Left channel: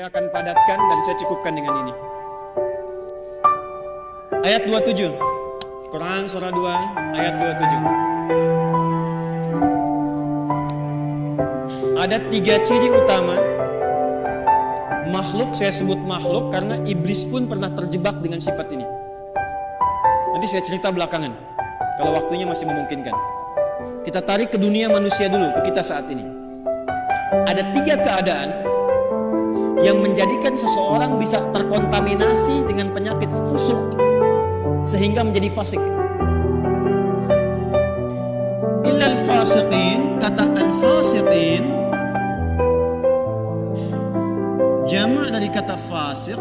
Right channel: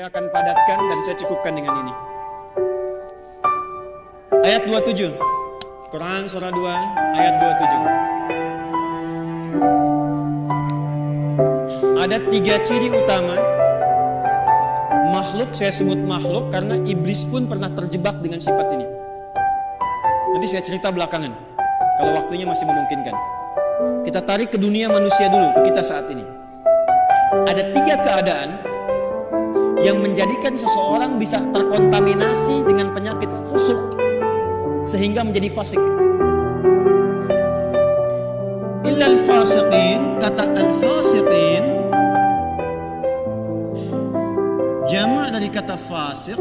Saya akan padatkan dan saya cukupkan dengan ini. Ayat 27. Quran surah 2 ayat 27. Ada 3 ciri utama makhluk, saya sebut makhluk karena iblis pun pernah terjebak dengan sifat ini. Nanti saya cerita belakangan kalau waktunya masih memungkinkan. Kita tarik ke dunia manusia dulu, ke kita saat ini. Ada 3 keadaan yang menjadikan seseorang bisa terkontaminasi dengan penyakit fusuk sehingga menjadi fasik. Illal fasiqin, kata al-fasiqin jamak dari kata fasik,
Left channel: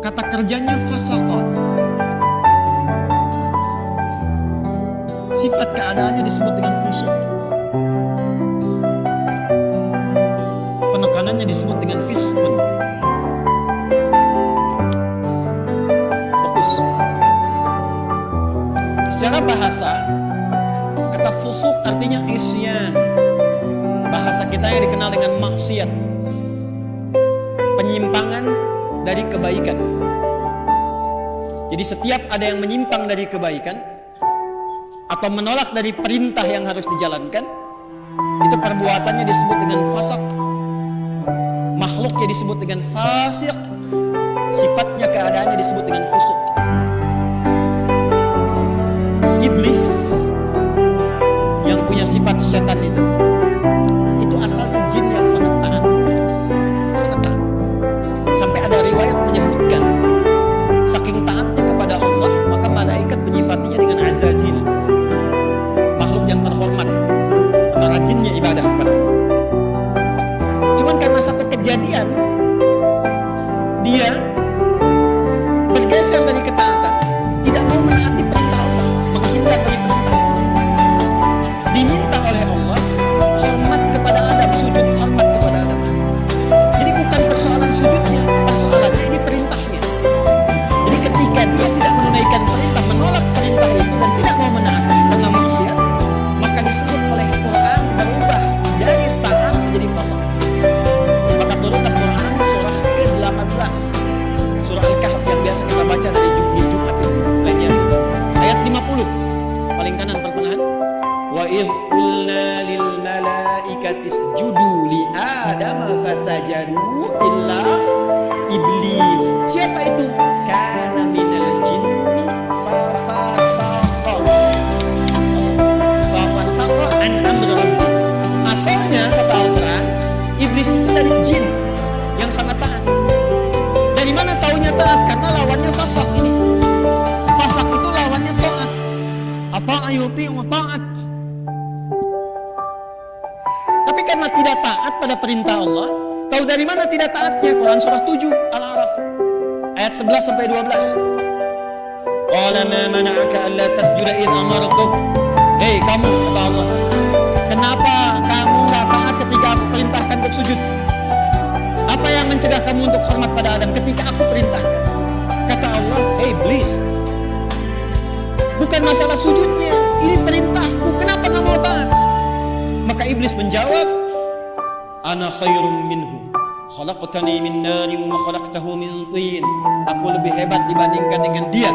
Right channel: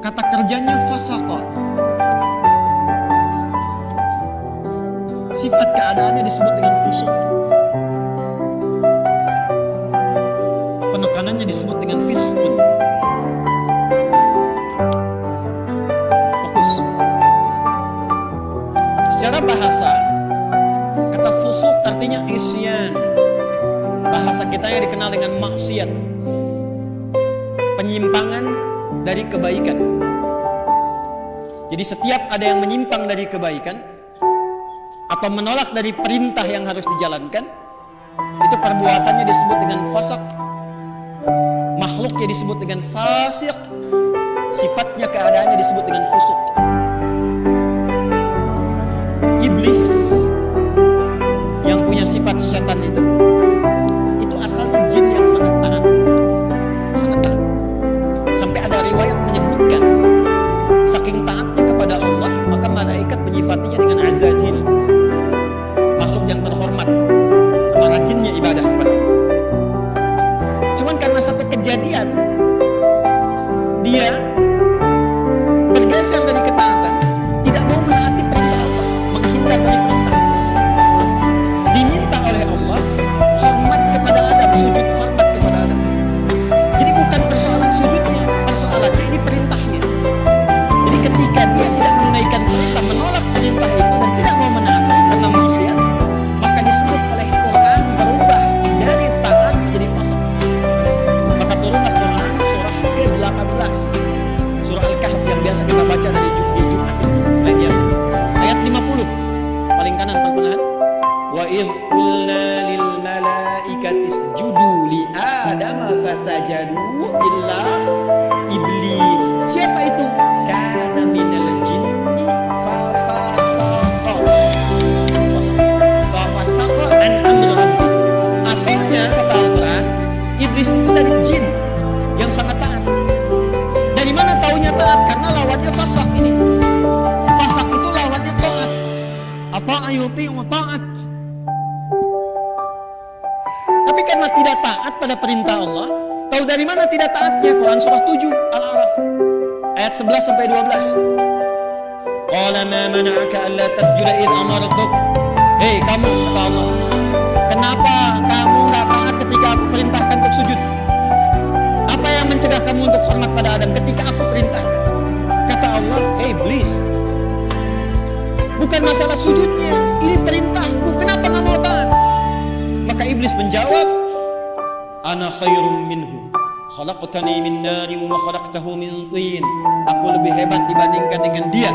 kata kerjanya fasaqa. Sifat keadaannya disebut dengan fusuk. Penekanannya disebut dengan fiskun. Fokus. Secara bahasa, kata fusuk artinya isyan. Bahasa kita yang dikenal dengan maksiat, penyimpangan dari kebaikan. Jadi setiap ada yang menyimpang dari kebaikan atau menolak dari perintah yang harus dijalankan, itu perbuatannya disebut dengan fasak. Makhluknya disebut dengan fasik, sifatnya keadaannya disebut dengan fusuk. Iblis yang punya sifat setan itu asalnya jin yang sangat taat, sangat taat. Sampai ada riwayat menyebutkan saking taatnya kepada Allah, maka malaikat menyifatinya dengan Azazil, makhluk yang terhormat, karena rajinnya ibadah kepada Allah. Cuman karena satu kejadian, dia bergeser dari ketaatan, tidak mau menaati perintah Allah, menghindar dari perintah. Diminta oleh Allah hormat kepada Adam, sujud hormat kepada Adam. Jadi bukan persoalan sujudnya, persoalannya ini perintahnya. Jadi ketika dia tidak menunaikan perintah, menolak perintah itu dan tidak mau menaati karena maksiat, maka disebut oleh Quran berubah dari taat menjadi fasik. Maka turunlah Quran surah ke-18, surah Al-Kahf yang biasa kita baca dari di Jumat itu, selain Yasin. Ayat 50, paling kanan pertengahan. Wa idh qulna lil malaikati isjudu li Adama fasajadu illa iblis. Siapa itu? Kana minal jinni fa fasaqa an amri rabbi. Asalnya kata Al-Quran, iblis itu dari jin yang sangat taat. Dari mana taunya taat? Karena lawannya fasak ini. Fasak itu lawannya taat. Apa ayuti wa taat. Tapi karena tidak taat pada perintah Allah, tahu dari mana tidak taatnya? Quran surah 7 Al-A'raf ayat 11 sampai 12. Qala ma mana'aka alla tasjuda id amartuk. Hei kamu, kata Allah, kenapa kamu enggak taat ketika aku perintahkan untuk sujud? Apa yang mencegah kamu untuk hormat pada Adam ketika aku perintahkan? Kata Allah, hey iblis, bukan masalah sujudnya, ini perintahku, kenapa enggak mau taat? Maka iblis menjawab, ana khairum minhu, khalaqtani min nari wa khalaqtahu min tin. Aku lebih hebat dibandingkan dengan dia.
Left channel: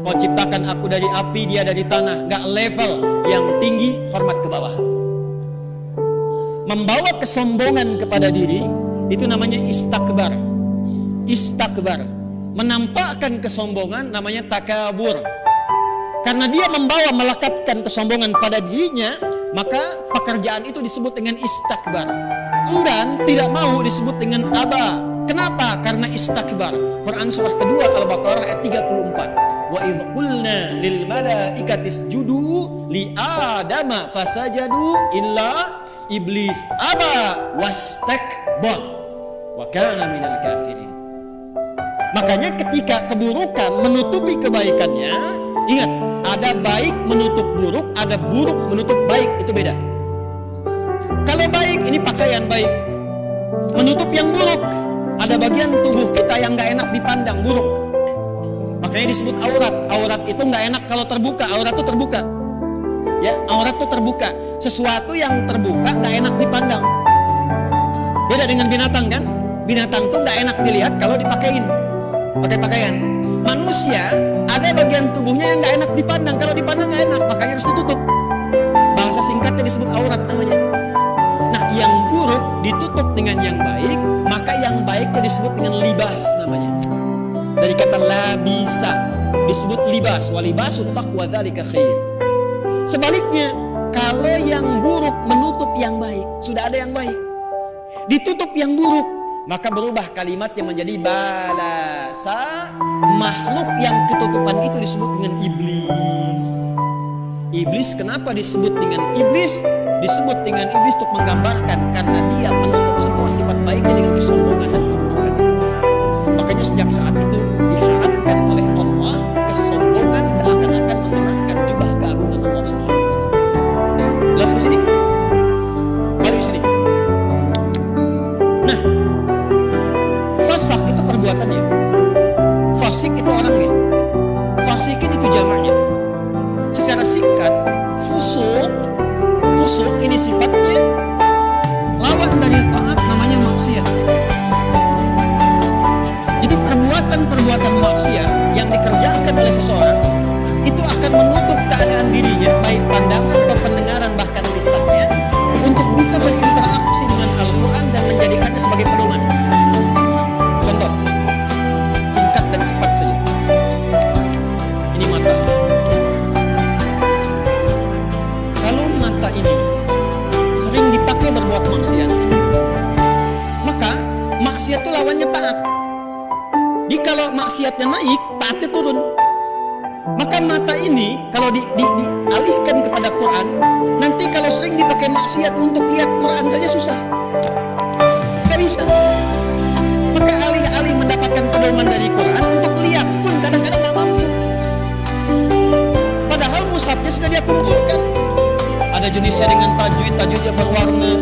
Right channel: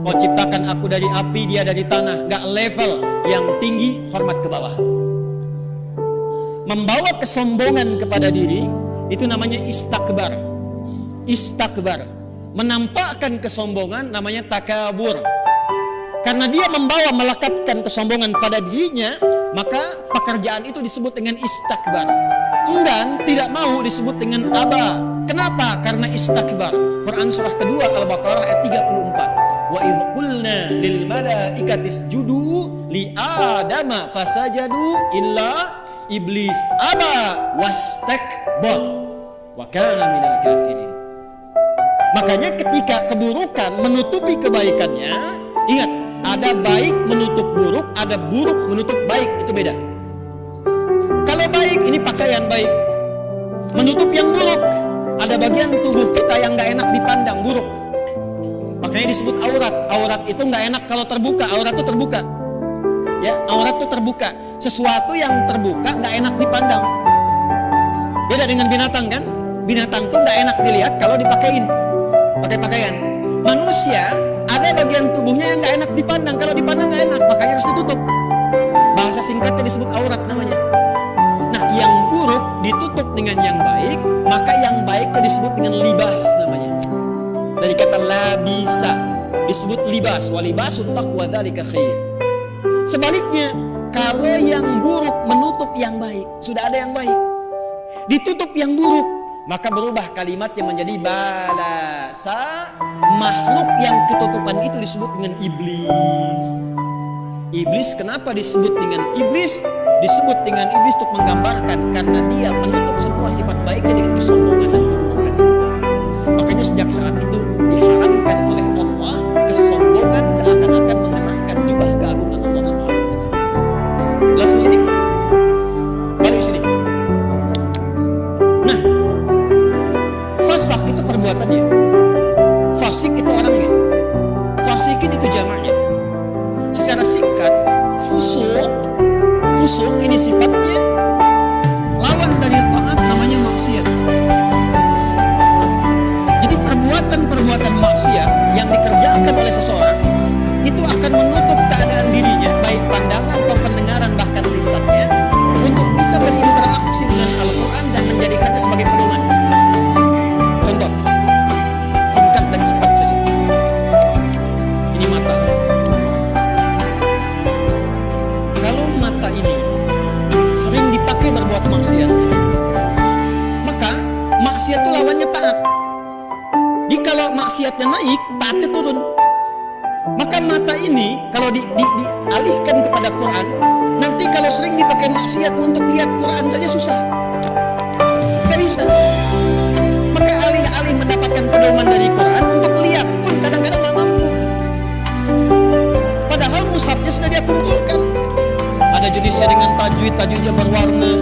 Kau ciptakan aku dari api, dia dari tanah. Gak level, yang tinggi hormat ke bawah. Membawa kesombongan kepada diri, itu namanya istakbar. Istakbar, menampakkan kesombongan namanya takabur. Karena dia membawa melekatkan kesombongan pada dirinya, maka pekerjaan itu disebut dengan istakbar. Enggan, tidak mau disebut dengan aba. Kenapa? Karena istakbar. Quran surah kedua Al-Baqarah ayat 34. Wa idh qulna lil malaikati isjudu li Adama fasajadu illa iblis aba wastakbar wa kana minal kafirin. Makanya ketika keburukan menutupi kebaikannya, ingat, ada baik menutup buruk, ada buruk menutup baik, itu beda. Kalau baik, ini pakaian baik, menutup yang buruk. Ada bagian tubuh kita yang gak enak dipandang, buruk. Makanya disebut aurat. Aurat itu gak enak kalau terbuka, aurat itu terbuka. Ya, aurat itu terbuka. Sesuatu yang terbuka gak enak dipandang. Beda dengan binatang kan? Binatang tuh nggak enak dilihat kalau dipakein, pakai pakaian. Manusia ada bagian tubuhnya yang nggak enak dipandang, kalau dipandang nggak enak, makanya harus ditutup. Bahasa singkatnya disebut aurat namanya. Nah, yang buruk ditutup dengan yang baik, maka yang baiknya disebut dengan libas namanya. Dari kata labisa disebut libas, walibasut taqwa dzalika khair. Sebaliknya, kalau yang buruk menutup yang baik, sudah ada yang baik, ditutup yang buruk, maka berubah kalimatnya menjadi balasa. Makhluk yang ketutupan itu disebut dengan iblis. Iblis kenapa disebut dengan iblis? Disebut dengan iblis untuk menggambarkan karena dia menutup semua sifat baiknya dengan kesombongan dan keburukan itu. Makanya sejak saat itu diharamkan oleh Allah kesombongan seakan-akan mengenakan jubah keagungan Allah Subhanahu wa taala. Jelas di sini? Balik sini. Nah, fasak itu perbuatannya, fasik itu orangnya, fasikin itu jamaknya. Secara singkat, fusuk ini sifatnya lawan dari taat, namanya maksiat. Jadi perbuatan-perbuatan maksiat yang dikerjakan oleh seseorang itu akan menutup keadaan dirinya, baik pandangan atau pendengaran bahkan lisannya, untuk bisa berinteraksi dengan Al-Quran dan menjadikannya sebagai pedoman. Contoh, singkat dan cepat saja. Ini mata. Kalau mata ini sering dipakai berbuat maksiat, maka maksiat itu lawannya taat. Jadi kalau maksiatnya naik, taatnya turun. Maka mata ini kalau dialihkan kepada Quran, nanti kalau sering dipakai maksiat untuk lihat Quran saja susah, gak bisa. Maka alih-alih mendapatkan pedoman dari Quran, untuk lihat pun kadang-kadang gak mampu. Padahal mushafnya sudah dia kumpulkan. Ada jenisnya dengan tajwidnya berwarna,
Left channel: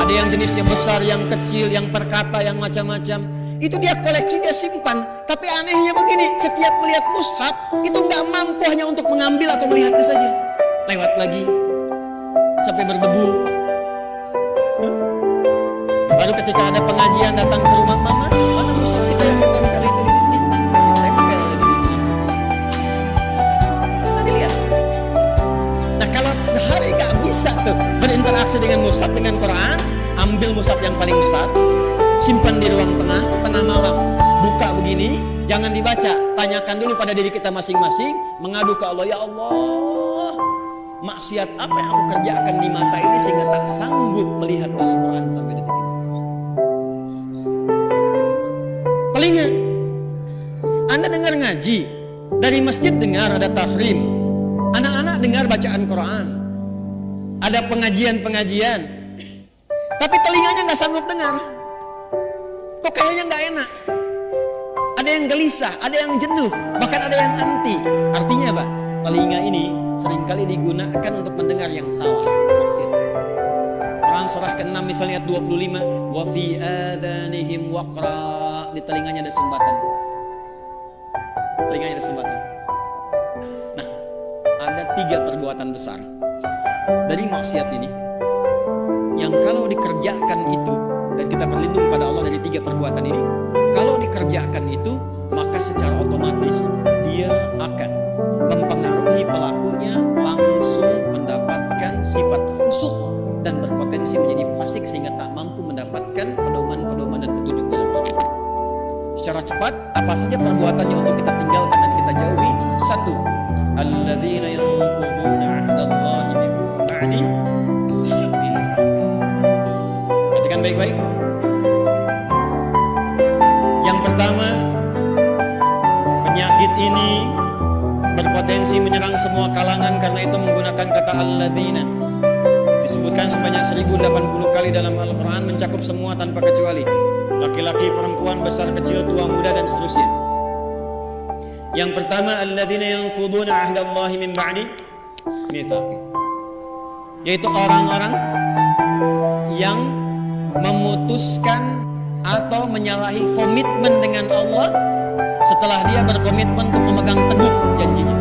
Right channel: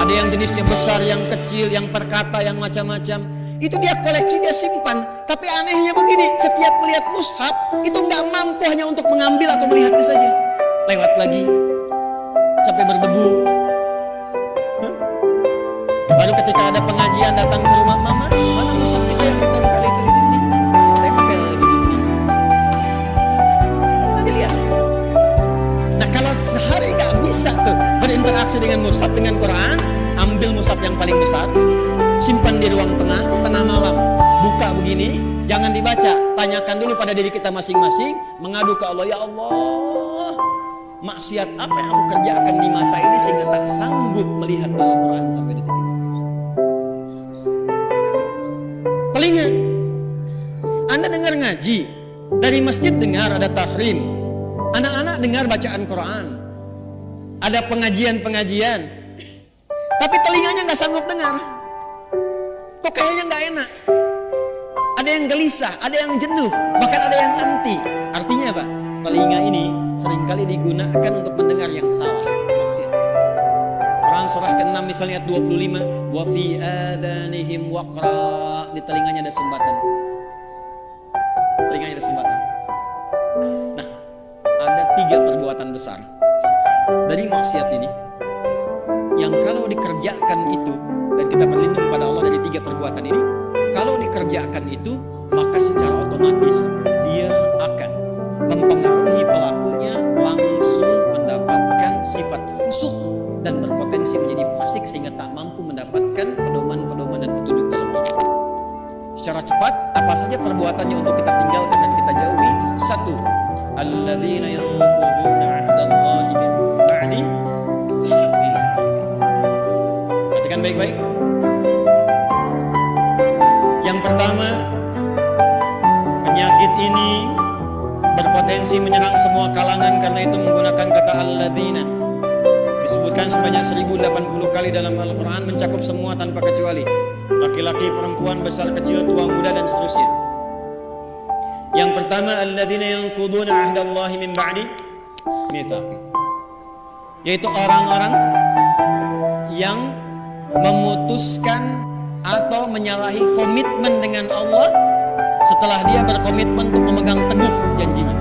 ada yang jenisnya besar, yang kecil, yang perkata, yang macam-macam. Itu dia koleksi, dia simpan. Tapi anehnya begini, setiap melihat mushaf itu nggak mampu hanya untuk mengambil atau melihatnya saja, lewat lagi sampai berdebu. Baru ketika ada pengajian datang ke rumah, mama, mana mushaf kita yang ditempel itu di dinding? Ditempel di dinding. Apa tadi lihat? Nah, kalau sehari gak bisa tuh berinteraksi dengan mushaf, dengan Quran, ambil mushaf yang paling besar, simpan di ruang tengah malam, buka begini, jangan dibaca, tanyakan dulu pada diri kita masing-masing, mengadu ke Allah, ya Allah, maksiat apa yang aku kerjakan di mata ini sehingga tak sanggup melihat Al-Quran sampai detik ini. Telinga, Anda dengar ngaji, dari masjid dengar ada tahrim, anak-anak dengar bacaan Quran, ada pengajian-pengajian, tapi telinganya gak sanggup dengar. Kok kayaknya gak enak, ada yang gelisah, ada yang jenuh, bahkan ada yang anti. Artinya apa? Telinga ini seringkali digunakan untuk mendengar yang salah, maksiat. Quran surah ke-6 misalnya ayat 25, wa fi adhanihim waqra, di telinganya ada sumbatan. Telinganya ada sumbatan. Nah, ada 3 perbuatan besar dari maksiat ini yang kalau dikerjakan itu, dan kita berlindung pada Allah dari 3 perbuatan ini, kalau dikerjakan itu maka secara otomatis dia akan mempengaruhi pelakunya langsung mendapatkan sifat fusuk dan berpotensi menjadi fasik sehingga tak mampu mendapatkan pedoman-pedoman dan petunjuk dalam Al-Quran. Secara cepat, apa saja perbuatannya untuk kita tinggalkan dan kita jauhi? 1. Alladzina yanquduna 'ahdallahi min ba'di. Perhatikan baik-baik. Yang pertama, penyakit ini berpotensi menyerang semua kalangan karena itu menggunakan kata alladzina. Disebutkan sebanyak 1080 kali dalam Al-Quran, mencakup semua tanpa kecuali. Laki-laki, perempuan, besar, kecil, tua, muda, dan seterusnya. Yang pertama, alladzina yanquduna 'ahdallahi min ba'di mitsaqi, yaitu orang-orang yang memutuskan atau menyalahi komitmen dengan Allah setelah dia berkomitmen untuk memegang teguh janjinya.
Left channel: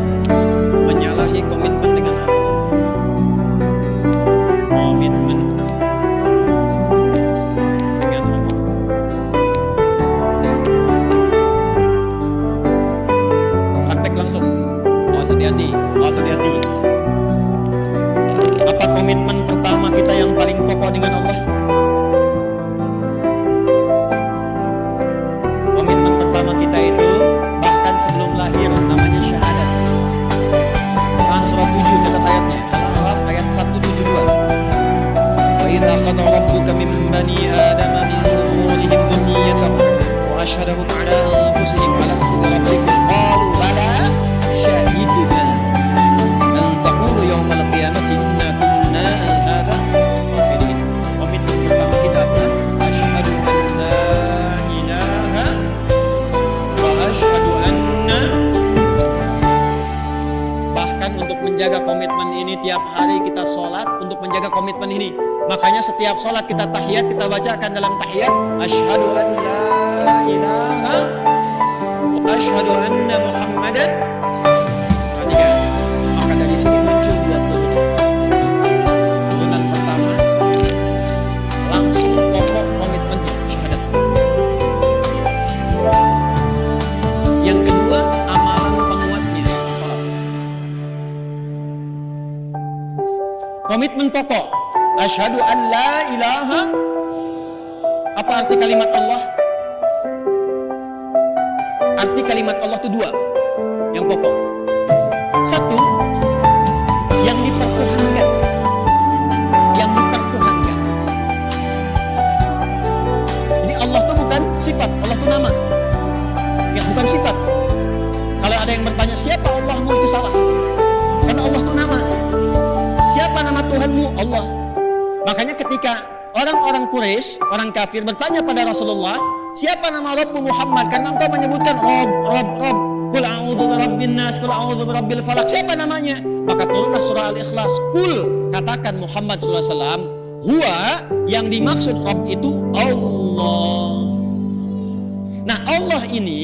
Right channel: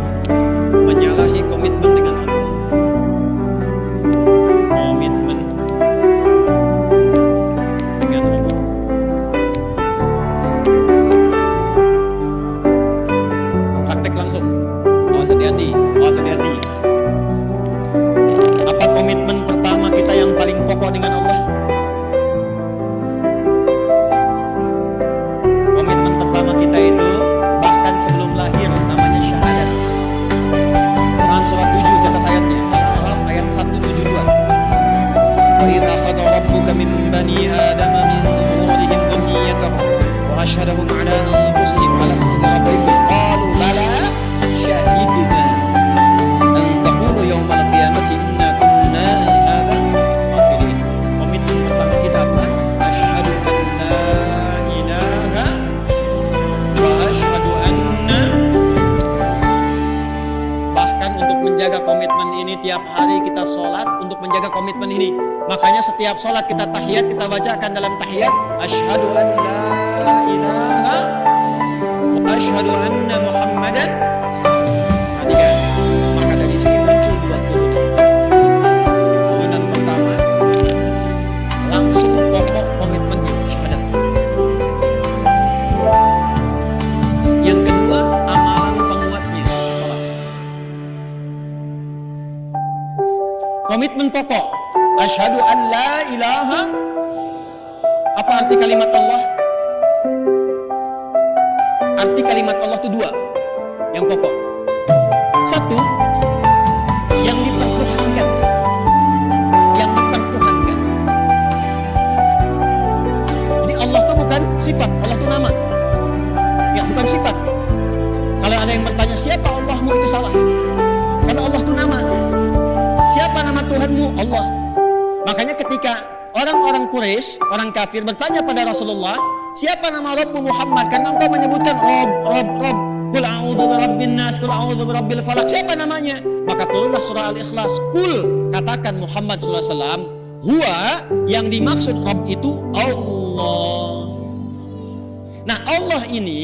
Menyalahi komitmen dengan Allah. Komitmen. dengan Allah. Praktek langsung. Awas hati-hati, awas hati-hati. Apa komitmen pertama kita yang paling pokok dengan Allah? Komitmen pertama kita itu bahkan sebelum lahir namanya syahadat. Quran surat 7 catat ayatnya, Al-A'raf ayat 172. Wa idza akhadha rabbuka min bani adama min zuhurihim dhurriyyatahum wa asyhadahum ala anfusihim alastu bi rabbikum qalu bala syahidna an taqulu yawmal qiyamati inna kunna an hadza ghafilin. Komitmen pertama kita adalah asyhadu an la ilaha wa asyhadu anna. Bahkan untuk menjaga komitmen ini tiap hari kita sholat untuk menjaga komitmen ini. Makanya setiap sholat kita tahiyat, kita bacakan dalam tahiyat asyhadu an la ilaha wa asyhadu anna muhammadan. Perhatikan, maka dari sini muncul dua turunan. Turunan pertama langsung pokok komitmennya syahadat. Yang kedua amalan penguatnya sholat. Komitmen pokok asyhadu an la ilaha. Apa arti kalimat Allah? Arti kalimat Allah itu dua yang pokok. Satu, yang dipertuhankan. Yang dipertuhankan. Jadi Allah itu bukan sifat, Allah itu nama. Ya, bukan sifat. Kalau ada yang bertanya siapa Allahmu, itu salah. Karena Allah itu nama. Siapa nama Tuhanmu? Allah. Makanya ketika orang-orang Quraisy, orang kafir bertanya pada Rasulullah, siapa nama Rabbmu Muhammad? Karena engkau menyebutkan Rabb. Qul a'udzu birabbin nas, qul a'udzu birabbil falaq. Siapa namanya? Maka turunlah surah Al-Ikhlas. Qul, katakan Muhammad sallallahu alaihi wasallam, huwa, yang dimaksud Rabb itu Allah. Nah, Allah ini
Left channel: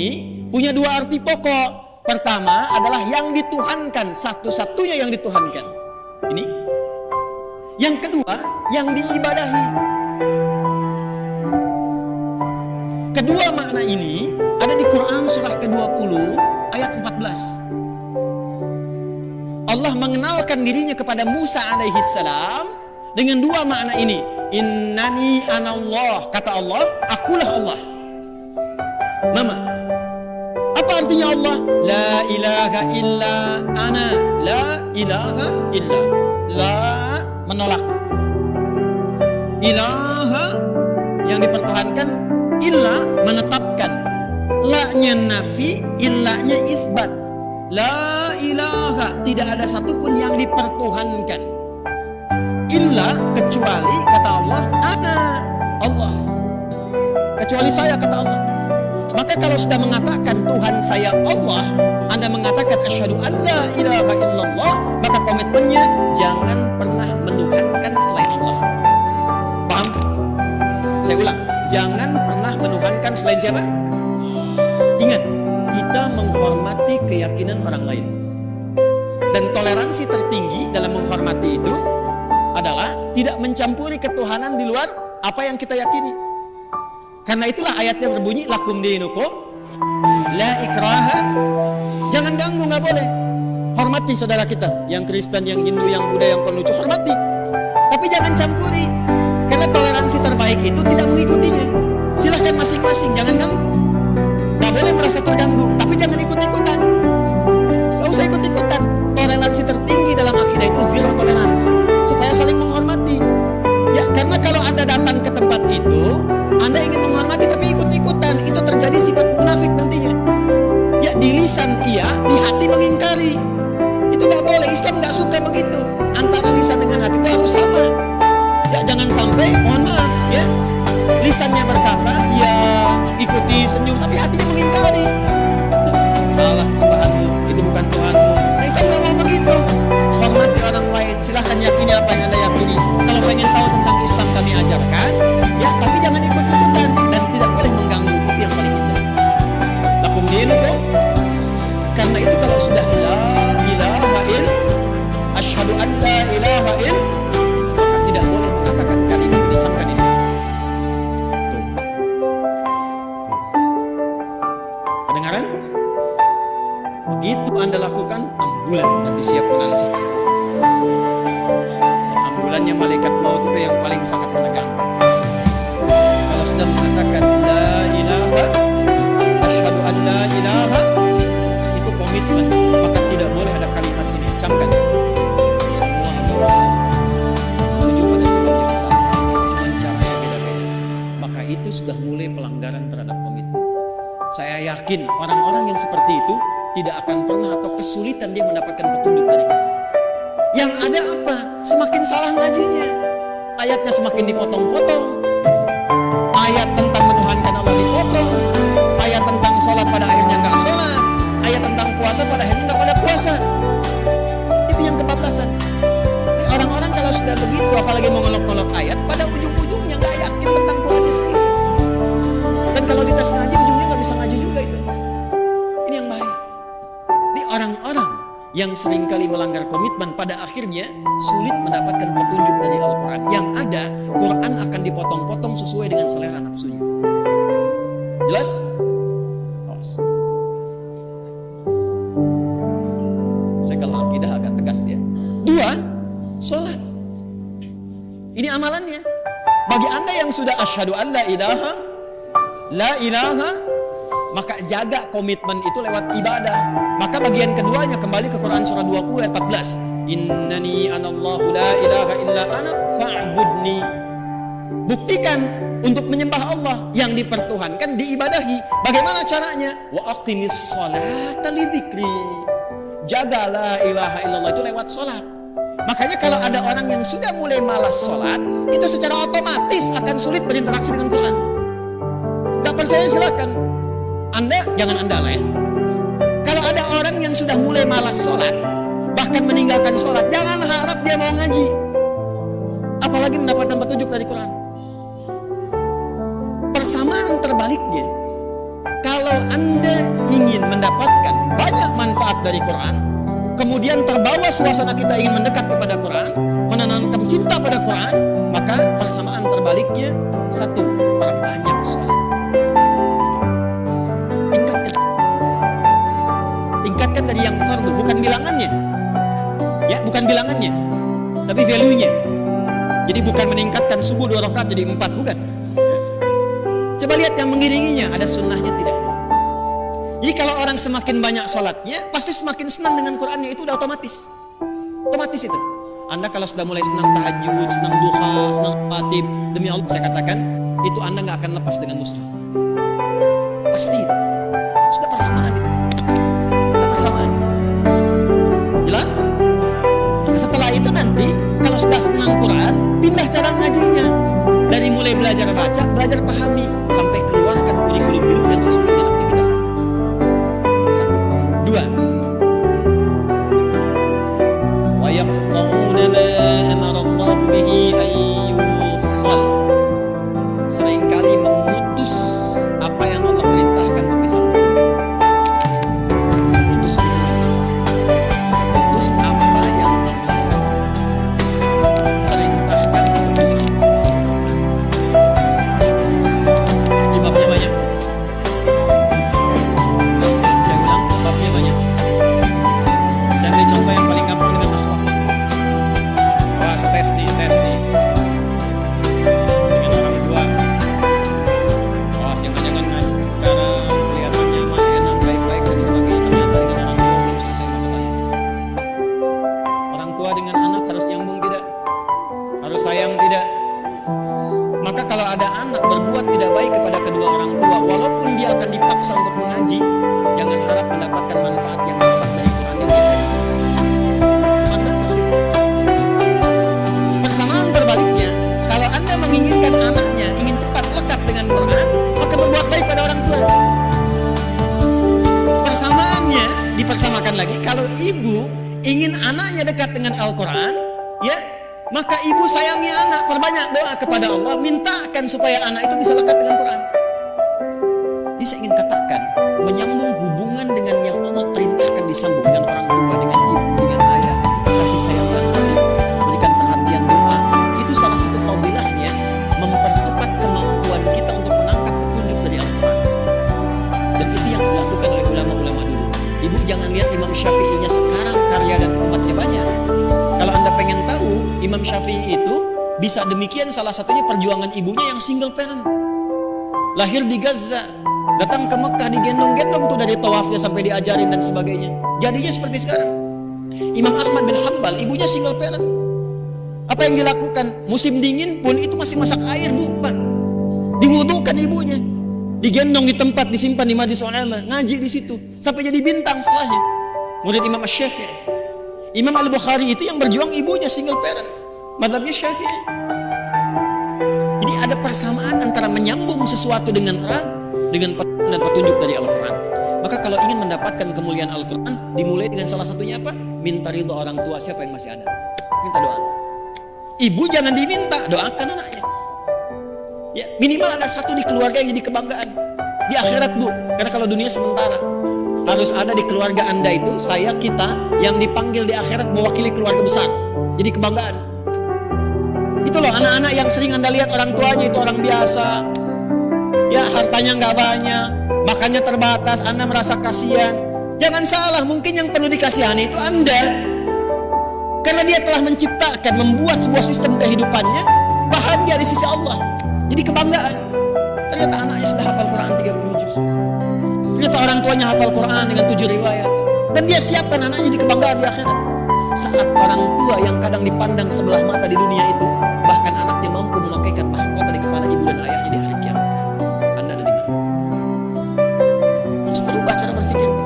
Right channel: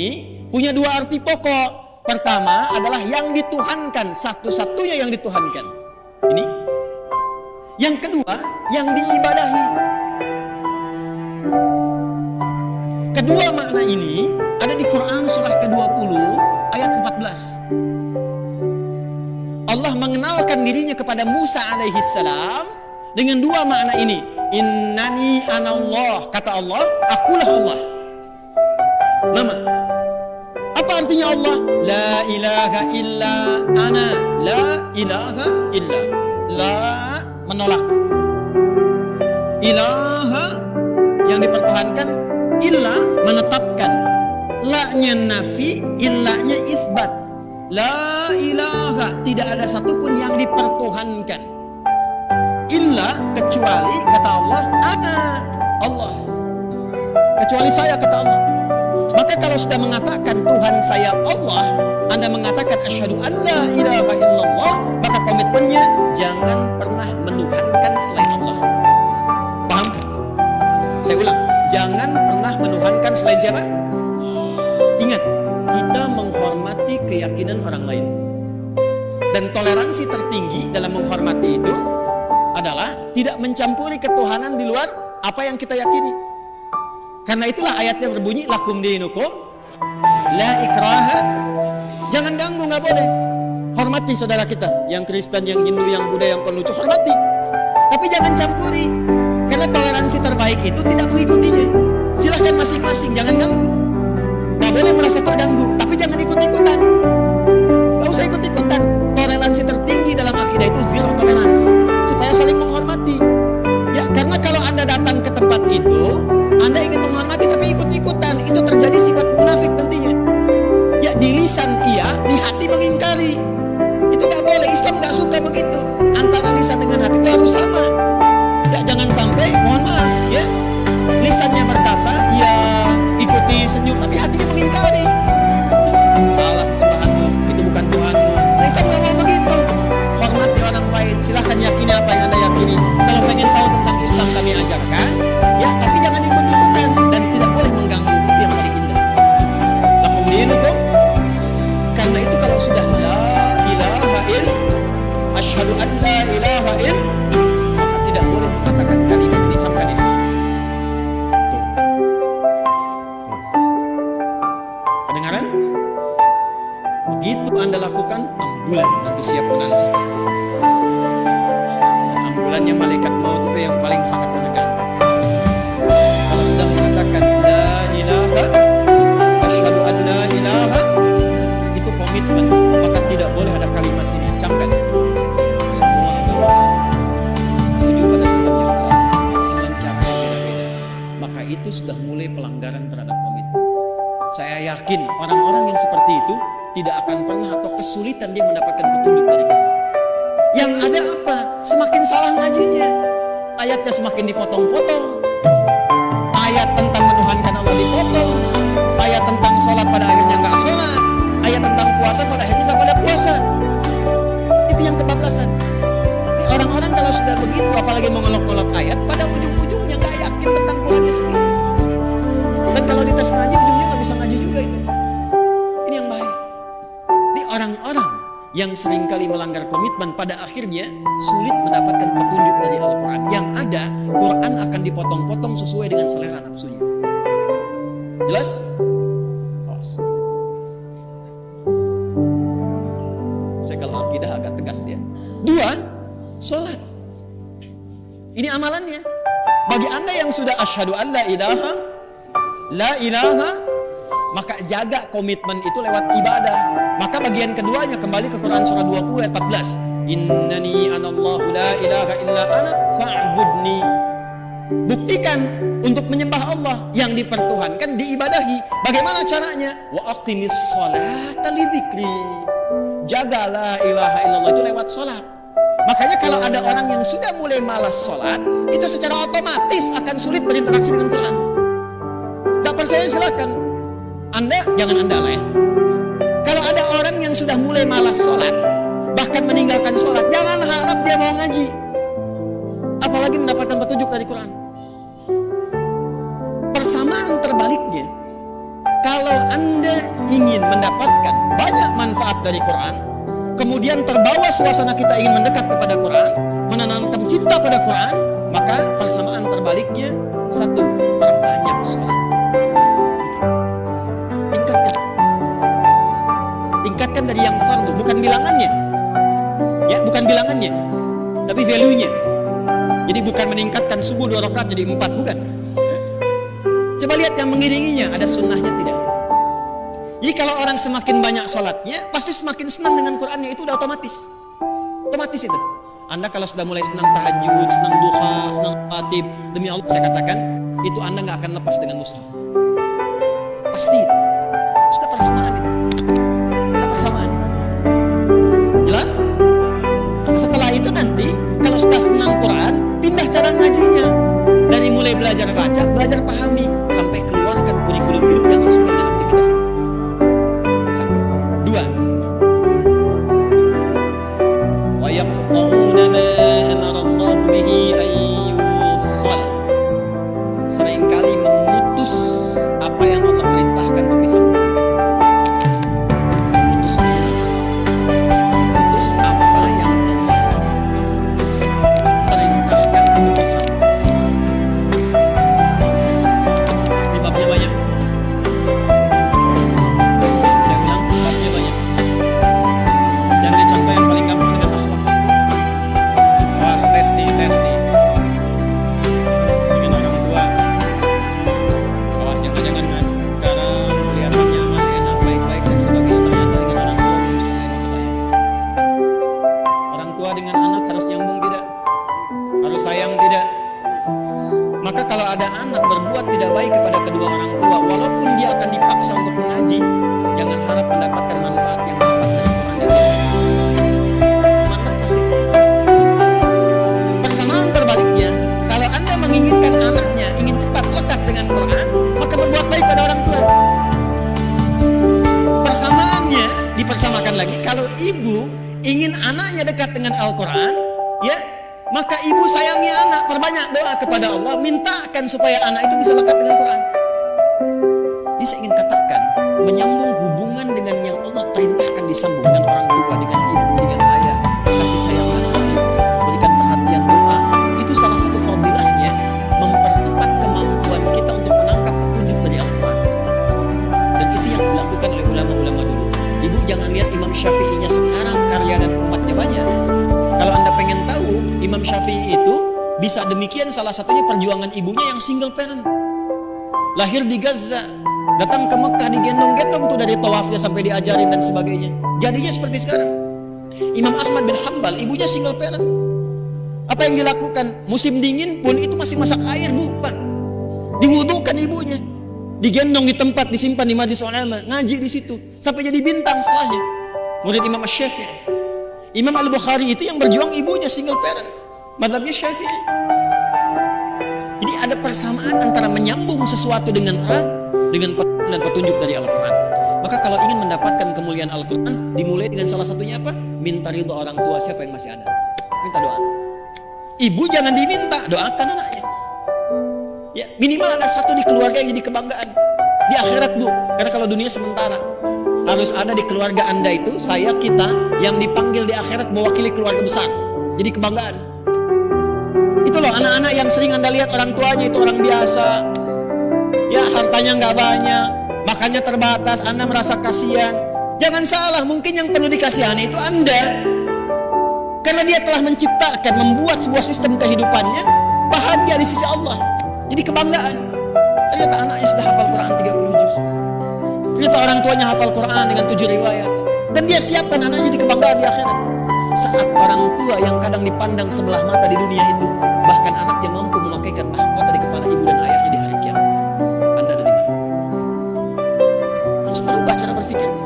punya dua arti pokok. Pertama adalah yang dituhankan, satu-satunya yang dituhankan. Ini. Yang kedua, yang diibadahi. Kedua makna ini ada di Quran surah ke-20 ayat 14. Allah mengenalkan dirinya kepada Musa alaihi salam dengan dua makna ini. Innani anallah, kata Allah, akulah Allah. Nama. Apa artinya Allah? La ilaha illa ana. La ilaha illa. La menolak. Ilaha yang dipertuhankan, illa menetapkan. La-nya nafi, illa-nya isbat. La ilaha, tidak ada satupun yang dipertuhankan. Illa, kecuali kata Allah, ana Allah. Kecuali saya, kata Allah. Maka kalau sudah mengatakan Tuhan saya Allah, Anda mengatakan asyhadu an la ilaha illallah, maka komitmennya jangan pernah menuhankan selain Allah. Paham? Saya ulang, jangan pernah menuhankan selain siapa? Ingat, kita menghormati keyakinan orang lain. Dan toleransi tertinggi dalam menghormati itu adalah tidak mencampuri ketuhanan di luar apa yang kita yakini. Karena itulah ayatnya berbunyi lakum dinukum la ikraha. Jangan ganggu, nggak boleh. Hormati saudara kita, yang Kristen, yang Hindu, yang Buddha, yang Konghucu, hormati. Tapi jangan campuri. Karena toleransi terbaik itu tidak mengikutinya. Silahkan masing-masing, jangan ganggu. Nggak boleh merasa terganggu, tapi jangan ikut-ikutan. Nggak usah ikut-ikutan. Toleransi tertinggi dalam akidah itu zero tolerance, supaya saling menghormati. Ya, karena kalau Anda datang ke tempat itu, Anda ingin menghormati tapi ikut-ikutan, itu terjadi sifat munafik nantinya. Ya, di lisan iya, di hati mengingkari. Itu nggak boleh. Islam nggak suka begitu. Antara lisan dengan hati itu harus sama. Ya, jangan sampai, mohon maaf, ya, lisannya berkata, ya ikuti senyum, tapi hatinya mengingkari. Salah sesembahanmu, itu bukan Tuhanmu. Nah, Islam nggak mau begitu. Hormati orang lain, silahkan yakini apa yang Anda yakini. Kalau pengen tahu tentang Islam kami ajarkan, ya, tapi jangan ikut-ikutan dan tidak boleh mengganggu. Itu yang paling indah. Lakum dinukum. Karena itu kalau sudah la ilaha il, asyhadu an la ilaha il, maka tidak boleh mengatakan kalimat ini. Camkan ini. Tuh. Sekarang begitu Anda lakukan, ambulan nanti siap menanti. Dan ambulannya malaikat maut itu yang paling sangat menegangkan. Kalau sudah mengatakan la ilaha, asyhadu an la ilaha, itu komitmen, maka tidak boleh ada kalimat ini. Camkan. Semua agama sama, menuju pada Tuhan yang sama, cuman caranya beda-beda. Maka itu sudah mulai pelanggaran terhadap komitmen. Saya yakin orang-orang yang seperti itu tidak akan pernah atau kesulitan dia mendapatkan petunjuk dari Quran. Yang ada apa? Semakin salah ngajinya, ayatnya semakin dipotong-potong. Ayat tentang menuhankan Allah dipotong, ayat tentang sholat pada akhirnya nggak sholat, ayat tentang puasa pada akhirnya nggak pada puasa. Itu yang kebablasan. Di orang-orang kalau sudah begitu, apalagi mengolok-olok ayat, pada ujung-ujungnya nggak yakin tentang Qurannya sendiri. Dan kalau dites ngaji, ujungnya nggak bisa ngaji juga itu. Ini yang bahaya. Di orang-orang yang seringkali melanggar komitmen, pada akhirnya sulit mendapatkan petunjuk dari Al-Quran. Yang ada, Quran akan dipotong-potong sesuai dengan selera nafsunya. Jelas? Awas. Saya kalau akidah agak tegas dia. 2, sholat. Ini amalannya. Bagi Anda yang sudah asyhadu an la ilaha, maka jaga komitmen itu lewat ibadah. Maka bagian keduanya kembali ke Quran surah 20 ayat 14. Innani anallahu la ilaha illa ana fa'budni. Buktikan untuk menyembah Allah yang dipertuhankan, diibadahi. Bagaimana caranya? Wa aqimis sholata lidzikri. Jaga la ilaha illallah itu lewat sholat. Makanya kalau ada orang yang sudah mulai malas sholat, itu secara otomatis akan sulit berinteraksi dengan Quran. Gak percaya silakan. Anda, jangan Anda lah ya. Kalau ada orang yang sudah mulai malas sholat, bahkan meninggalkan sholat, jangan harap dia mau ngaji, apalagi mendapatkan petunjuk dari Quran. Persamaan terbaliknya, kalau Anda ingin mendapatkan banyak manfaat dari Quran, kemudian terbawa suasana kita ingin mendekat kepada Quran, menanamkan cinta pada Quran, maka persamaan terbaliknya, 1, perbanyak sholat. Tingkatkan dari yang fardu, bukan bilangannya. Ya, bukan bilangannya, tapi value-nya. Jadi bukan meningkatkan subuh 2 rakaat jadi 4, bukan. Coba lihat yang mengiringinya, ada sunnahnya tidak. Jadi kalau orang semakin banyak sholatnya, pasti semakin senang dengan Qurannya, itu udah otomatis. Otomatis itu. Anda kalau sudah mulai senang tahajud, senang duha, senang khatib, demi Allah saya katakan, itu Anda gak akan lepas dengan mushaf. Pasti itu. Sudah persamaan itu. Persamaan. Jelas? Nah, setelah itu nanti kalau sudah senang Quran, pindah cara ngajinya. Dari mulai belajar baca, belajar pahami, sampai keluarkan kurikulum hidup yang sesuai dengan aktivitas Anda. 1. 2. Wa yaqta'una ma amara Allah bihi ayyusal. Seringkali memutus apa yang Allah perintahkan untuk disambungkan. Memutus apa yang Allah perintahkan untuk disambung. Di babnya banyak. Saya ulang, babnya banyak. Saya ambil contoh yang paling gampang dengan akhlak. Awas, tes nih. Dengan orang tua. Awas, jangan ngaji sekarang kelihatan nyaman, enak, baik-baik dan sebagainya. Ternyata dengan orang tua belum selesai masalahnya. Orang tua dengan anak harus nyambung tidak? Harus sayang tidak? Maka kalau ada anak berbuat tidak baik kepada kedua orang tua, walaupun dia akan dipaksa untuk mengaji, jangan harap mendapatkan manfaat yang cepat dari Quran yang dia kaji. Mantap pasti. Persamaan terbaliknya, kalau Anda menginginkan anaknya ingin cepat lekat dengan Quran, maka berbuat baik pada orang tua. Persamaannya dipersamakan lagi, kalau ibu ingin anaknya dekat dengan Al-Quran, ya, maka ibu sayangi anak, perbanyak doa kepada Allah, mintakan supaya anak itu bisa lekat dengan Quran. Jadi saya ingin katakan, menyambung hubungan dengan yang Allah perintahkan disambung, dengan orang tua, dengan ibu, dengan ayah, kasih sayang yang baik, berikan perhatian, doa, itu salah satu fadilahnya, mempercepat kemampuan kita untuk menangkap petunjuk dari Al-Quran. Dan itu yang dilakukan oleh ulama-ulama dulu. Ibu jangan lihat Imam Syafi'inya sekarang karya dan umatnya banyak. Kalau Anda pengen tahu, Imam Syafi'i itu bisa demikian, salah satunya perjuangan ibunya yang single parent. Lahir di Gaza, datang ke Mekah digendong-gendong tuh dari tawafnya sampai diajarin dan sebagainya. Jadinya seperti sekarang. Imam Ahmad bin Hanbal, ibunya single parent. Apa yang dilakukan? Musim dingin pun itu masih masak air, Bu, Pak. Diwudukan ibunya. Digendong di tempat, disimpan di Majlis Ulama, ngaji di situ sampai jadi bintang setelahnya. Murid Imam Syafi'i. Imam Al-Bukhari itu yang berjuang ibunya single parent. Mazhabnya Syafi'i. Jadi ada persamaan antara menyambung sesuatu dengan orang dengan petunjuk dari Al-Quran. Maka kalau ingin mendapatkan kemuliaan Al-Quran, dimulai dengan salah satunya apa? Minta ridho orang tua siapa yang masih ada. Minta doa. Ibu jangan diminta, doakan anaknya. Ya, minimal ada satu di keluarga yang jadi kebanggaan. Di akhirat, Bu. Karena kalau dunia sementara. Harus ada di keluarga Anda itu, saya, kita, yang dipanggil di akhirat mewakili keluarga besar. Jadi kebanggaan. Itu loh anak-anak yang sering Anda lihat orang tuanya itu orang biasa. Ya, hartanya nggak banyak, makannya terbatas, Anda merasa kasihan. Jangan salah, mungkin yang perlu dikasihani itu Anda. Karena dia telah menciptakan, membuat sebuah sistem kehidupannya bahagia di sisi Allah. Jadi kebanggaan. Ternyata anaknya sudah hafal Quran 30 juz. Ternyata orang tuanya hafal Quran dengan 7 riwayat. Dan dia siapkan anaknya jadi kebanggaan di akhirat. Saat orang tua yang kadang dipandang sebelah mata di dunia itu, bahkan anaknya mampu memakaikan mahkota di kepala ibu dan ayahnya di hari kiamat. Anda ada di mana? Harus berubah cara berpikirnya.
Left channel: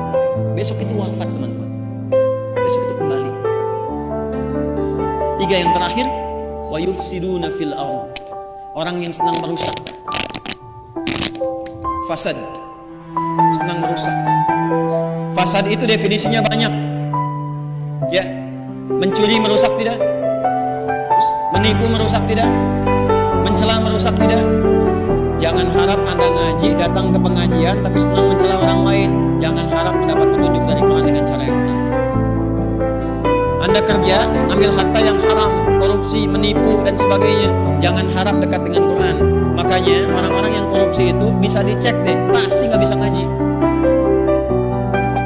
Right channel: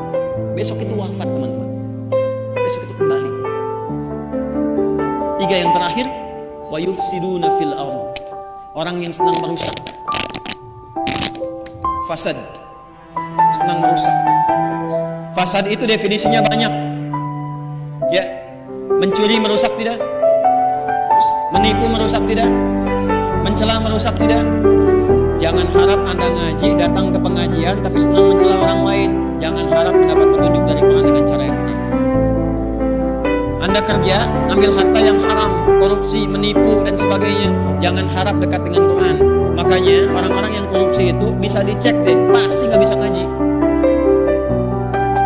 Besok itu wafat, teman-teman. Besok itu kembali. 3 yang terakhir, wa yufsiduna fil ardh. Orang yang senang merusak. Fasad. Senang merusak. Fasad itu definisinya banyak. Ya, mencuri merusak tidak? Menipu merusak tidak? Mencela merusak tidak? Jangan harap Anda ngaji, datang ke pengajian tapi senang mencela orang lain. Jangan harap mendapat petunjuk dari Quran dengan cara yang benar. Anda kerja, ngambil harta yang haram, korupsi, menipu dan sebagainya. Jangan harap dekat dengan Quran. Makanya orang-orang yang korupsi itu bisa dicek deh, pasti nggak bisa ngaji.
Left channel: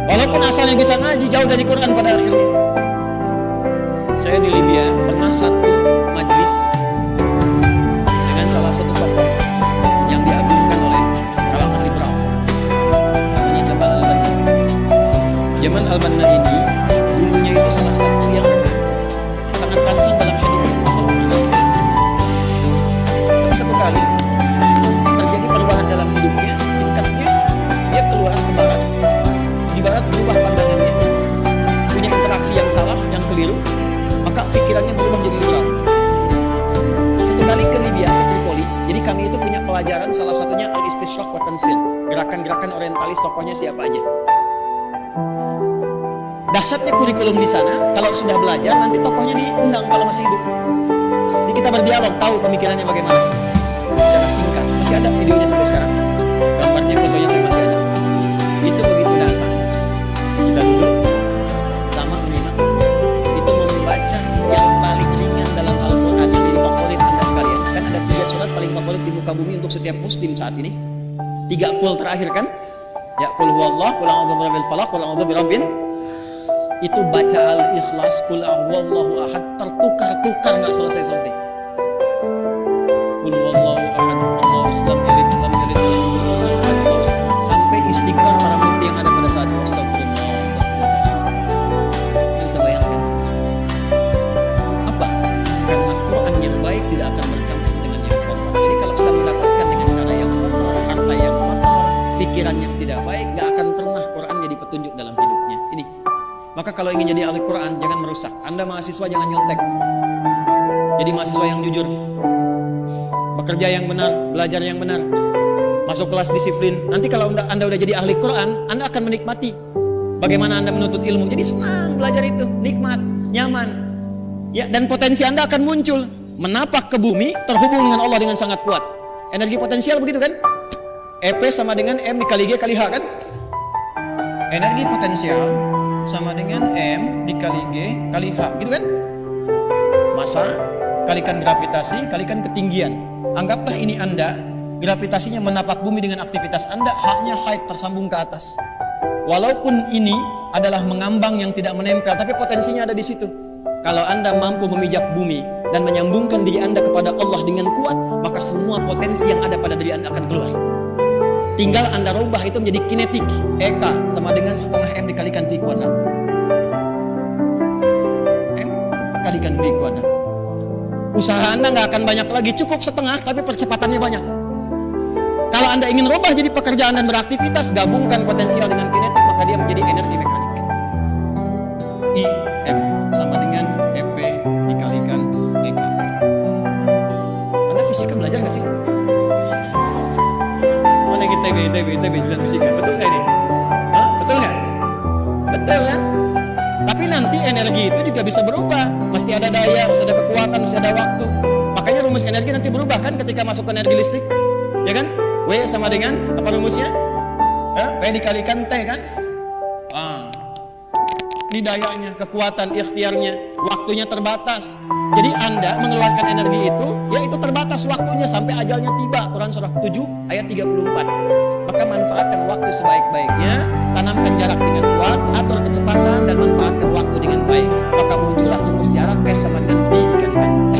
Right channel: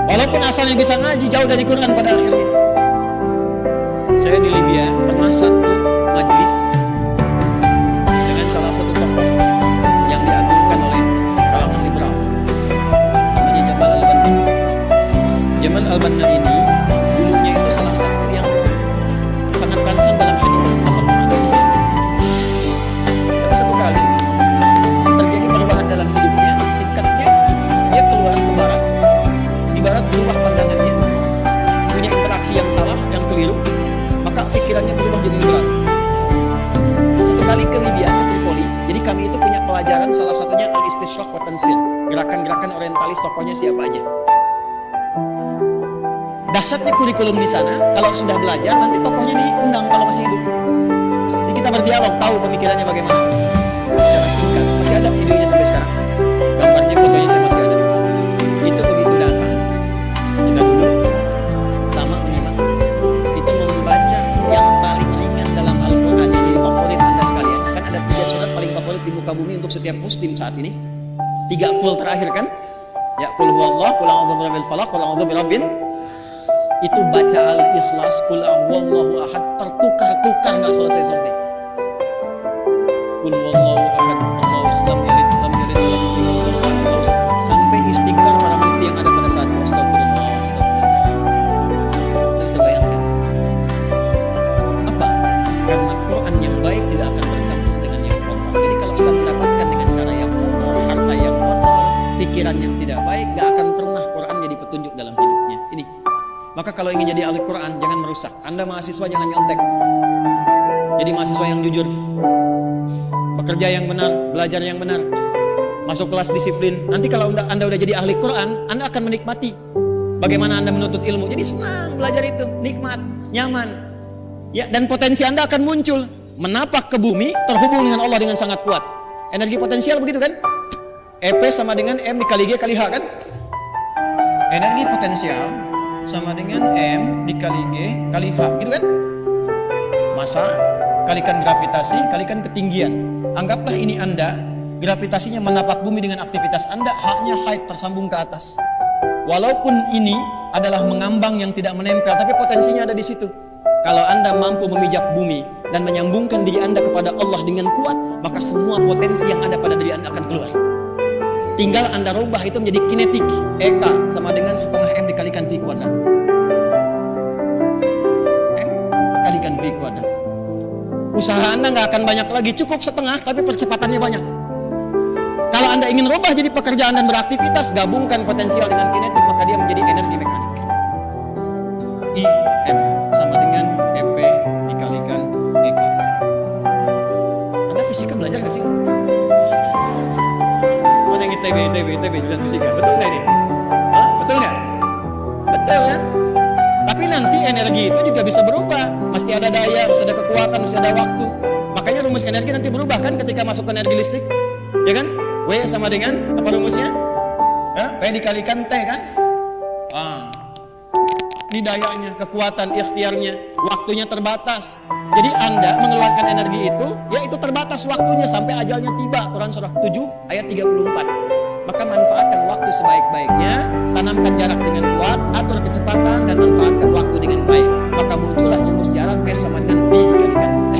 Walaupun asalnya bisa ngaji, jauh dari Quran pada akhirnya. Saya di Libya pernah satu majlis dengan salah satu tokoh yang diagungkan oleh kalangan liberal. Namanya Jamal Al-Banna. Jamal Al-Banna ini dulunya itu salah satu yang sangat concern dalam hadis, hafal Quran. Tapi satu kali terjadi perubahan dalam hidupnya. Singkatnya, dia keluar ke barat. Di barat berubah pandangannya, punya interaksi yang salah, yang keliru, maka pikirannya berubah jadi liberal. Satu kali ke Libya, ke Tripoli. Jadi kami itu punya pelajaran, salah satunya Al-Istishraq wa Tansir, gerakan-gerakan orientalis, tokohnya siapa aja. Dahsyatnya kurikulum di sana, kalau sudah belajar nanti tokohnya diundang kalau masih hidup. Jadi kita berdialog, tahu pemikirannya bagaimana. Secara singkat, masih ada videonya sampai sekarang. Gambarnya, fotonya saya masih ada. Itu begitu datang, kita duduk sama menyimak. Itu membaca yang paling ringan dalam Al-Quran yang jadi favorit Anda sekalian. Kan ada 3 surat paling favorit di muka bumi untuk setiap muslim saat ini. 3 qul terakhir kan? Ya, qul huwallah, qul a'udzu birabbil falaq, qul a'udzu birabbin. Itu baca Al-Ikhlas, qul huwallahu ahad, tertukar-tukar enggak selesai-selesai. Qul huwallahu ahad, Allahus lam yalid wa lam yulad wa lam yakul lahu kufuwan ahad. Sampai istighfar para mufti yang ada pada saat itu. Astagfirullah, astagfirullah. Anda bisa bayangkan. Apa? Karena Quran yang baik tidak akan bercampur dengan yang kotor. Jadi kalau sudah mendapatkan dengan cara yang kotor, harta yang kotor, pikiran yang tidak baik, gak akan pernah Quran jadi petunjuk dalam hidupnya. Ini. Maka kalau ingin jadi ahli Quran, jangan merusak. Anda mahasiswa jangan nyontek. Jadi mahasiswa yang jujur. Bekerja yang benar, belajar yang benar. Masuk kelas disiplin. Nanti kalau Anda udah jadi ahli Quran, Anda akan menikmati bagaimana Anda menuntut ilmu. Jadi senang belajar itu, nikmat, nyaman. Ya, dan potensi Anda akan muncul. Menapak ke bumi, terhubung dengan Allah dengan sangat kuat. Energi potensial begitu kan? EP sama dengan M dikali G kali H kan? Energi potensial sama dengan M dikali G kali H, gitu kan? Massa kalikan gravitasi kalikan ketinggian. Anggaplah ini Anda gravitasinya menapak bumi dengan aktivitas Anda, haknya height tersambung ke atas. Walaupun ini adalah mengambang yang tidak menempel, tapi potensinya ada di situ. Kalau Anda mampu memijak bumi dan menyambungkan diri Anda kepada Allah dengan kuat, maka semua potensi yang ada pada diri Anda akan keluar. Tinggal Anda rubah itu menjadi kinetik. EK sama dengan setengah M dikalikan V kuadrat. M kalikan V kuadrat. Usaha Anda nggak akan banyak lagi, cukup setengah, tapi percepatannya banyak. Kalau Anda ingin rubah jadi pekerjaan dan beraktivitas, gabungkan potensial dengan kinetik, maka dia menjadi energi mekanik. IM sama dengan EP dikalikan EK. Anda fisika belajar nggak sih? Mana yang ITB jurusan fisika? Betul nggak ini? Hah? Betul nggak? Betul kan? Tapi nanti energi itu juga bisa berubah. Mesti ada daya, mesti ada kekuatan, mesti ada waktu. Makanya rumus energi nanti berubah kan ketika masuk ke energi listrik, ya kan? W sama dengan apa rumusnya? V dikalikan T kan? Ini dayanya, kekuatan, ikhtiarnya, waktunya terbatas. Jadi Anda mengeluarkan energi itu, ya itu terbatas waktunya sampai ajalnya tiba. Quran surah 7 ayat 34. Maka manfaatkan waktu sebaik-baiknya, tanamkan jarak dengan kuat, atur kecepatan dan manfaatkan waktu dengan baik. Maka muncullah rumus jarak S sama dengan V dikalikan T.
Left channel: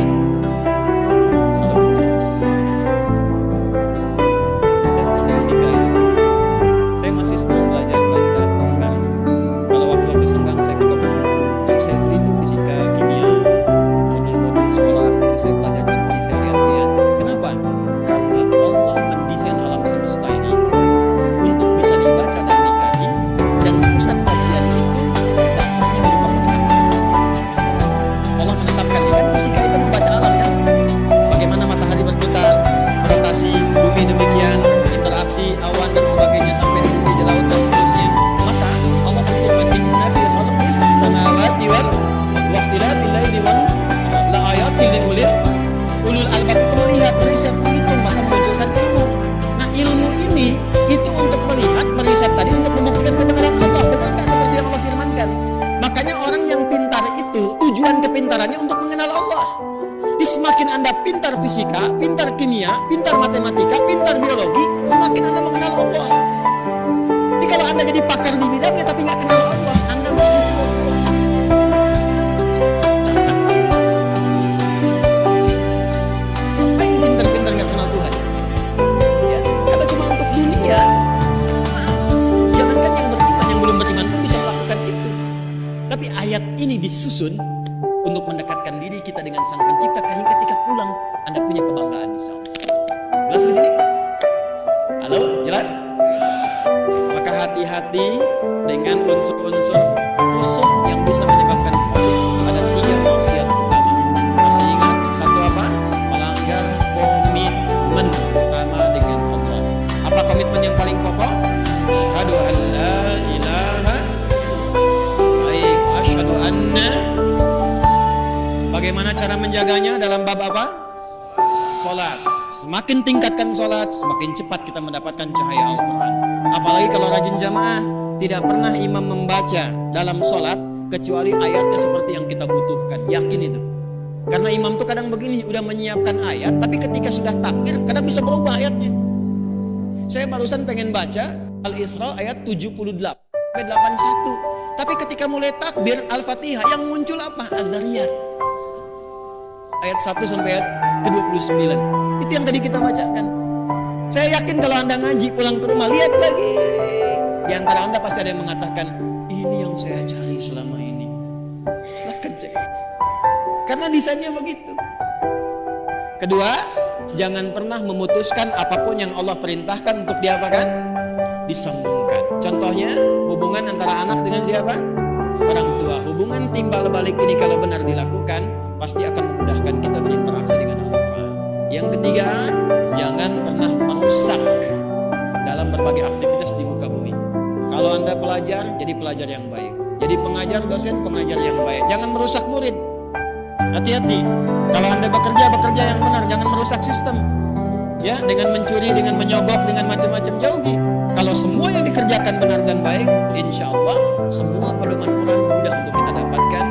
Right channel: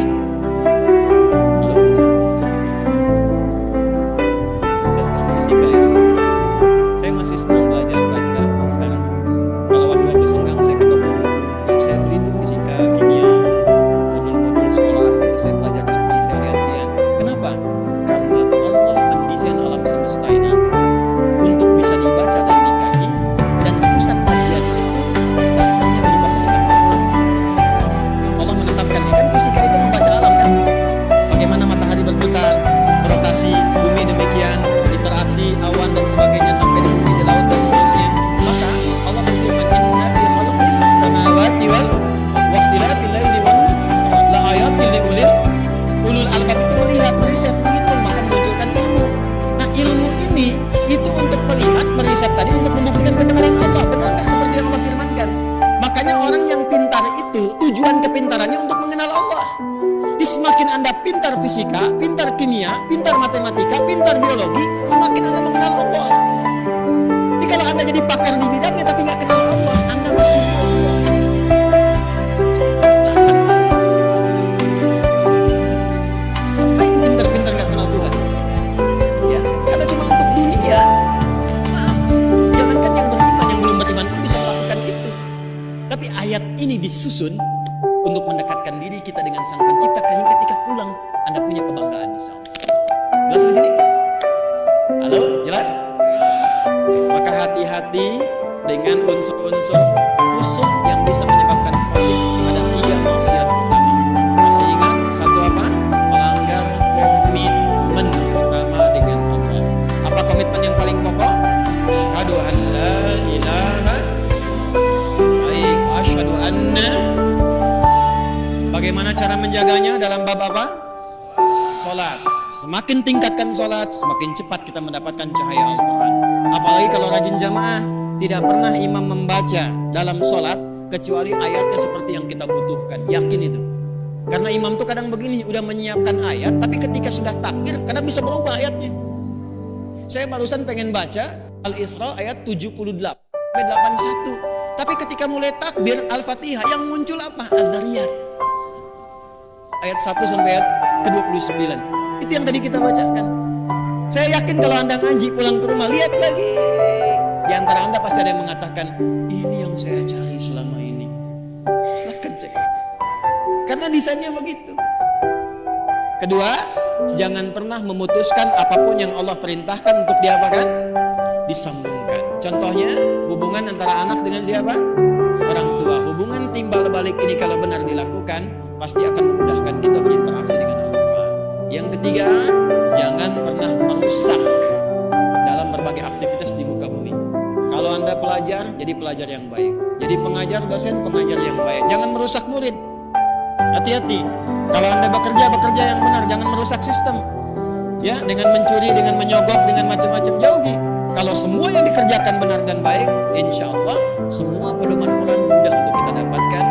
Halo? Saya senang fisika itu. Saya masih senang belajar baca sekarang. Kalau waktu-waktu senggang saya ke toko buku, yang saya beli itu fisika, kimia, modul-modul sekolah itu saya pelajari, saya lihat-lihat. Kenapa? Karena Allah mendesain alam semesta ini untuk bisa dibaca dan dikaji, dan pusat kajian itu dasarnya berupa pengetahuan. Allah menetapkan, kan fisika itu membaca alam kan? Bagaimana matahari berputar, berotasi, bumi demikian, interaksi awan dan sebagainya sampai di bumi, di laut dan seterusnya. Maka Allah berfirman, inna fi khalqis samawati wal ikhtilafil laili wan nahar la ayatil liulil ulul albab. Itu melihat, meriset, menghitung, maka memunculkan ilmu. Nah ilmu ini itu untuk melihat, meriset tadi untuk membuktikan kebenaran Allah. Benar nggak seperti yang Allah firmankan? Makanya orang yang pintar itu tujuan kepintarannya untuk mengenal Allah. Di semakin Anda pintar fisika, pintar kimia, pintar matematika, pintar biologi, semakin Anda mengenal Allah. Jadi kalau Anda jadi pakar di bidangnya tapi nggak kenal Allah, Anda masih bodoh. Catat. Ngapain pintar-pintar nggak kenal Tuhan? Ya, kalau cuma untuk dunia, maaf, jangankan yang beriman, yang belum beriman pun bisa melakukan itu. Tapi ayat ini disusun untuk mendekatkan diri kita dengan Sang Pencipta, hingga ketika pulang Anda punya kebanggaan insya Allah. Jelas di sini? Halo, jelas? Maka hati-hati dengan unsur-unsur fusuk yang bisa menyebabkan fasik. Ada 3 maksiat utama. Masih ingat? Satu apa? Melanggar komitmen utama dengan Allah. Apa komitmen yang paling pokok? Asyhadu an la ilaha baik, asyhadu anna. Bagaimana cara menjaganya dalam bab apa? Salat. Semakin tingkatkan salat, semakin cepat kita mendapatkan cahaya Al-Quran. Apalagi kalau rajin jamaah, tidak pernah imam membaca dalam salat kecuali ayatnya seperti yang kita butuhkan. Yakin itu. Karena imam tuh kadang begini, udah menyiapkan ayat, tapi ketika sudah takbir, kadang bisa berubah ayatnya. Saya barusan pengen baca Al-Isra ayat 78 sampai 81. Tapi ketika mulai takbir Al-Fatihah, yang muncul apa? Az-Zariyat ayat 1 sampai ayat ke-29. Itu yang tadi kita bacakan. Saya yakin kalau Anda ngaji pulang ke rumah, lihat lagi. Di antara Anda pasti ada yang mengatakan, ini yang saya cari selama ini. Silahkan cek. Karena desainnya begitu. Kedua, jangan pernah memutuskan apapun yang Allah perintahkan untuk diapakan? Disambungkan. Contohnya, hubungan antara anak dengan siapa? Orang tua. Hubungan timbal balik ini kalau benar dilakukan, pasti akan memudahkan kita berinteraksi dengan Al-Quran. Yang ketiga, jangan pernah merusak dalam berbagai aktivitas di muka bumi. Kalau Anda pelajar, jadi pelajar yang baik. Jadi pengajar, dosen, pengajar yang baik. Jangan merusak murid. Hati-hati. Kalau Anda bekerja, bekerja yang benar. Jangan merusak sistem. Ya, dengan mencuri, dengan menyogok, dengan macam-macam, jauhi. Kalau semua yang dikerjakan benar dan baik, insya Allah semua pedoman Quran mudah untuk kita dapatkan.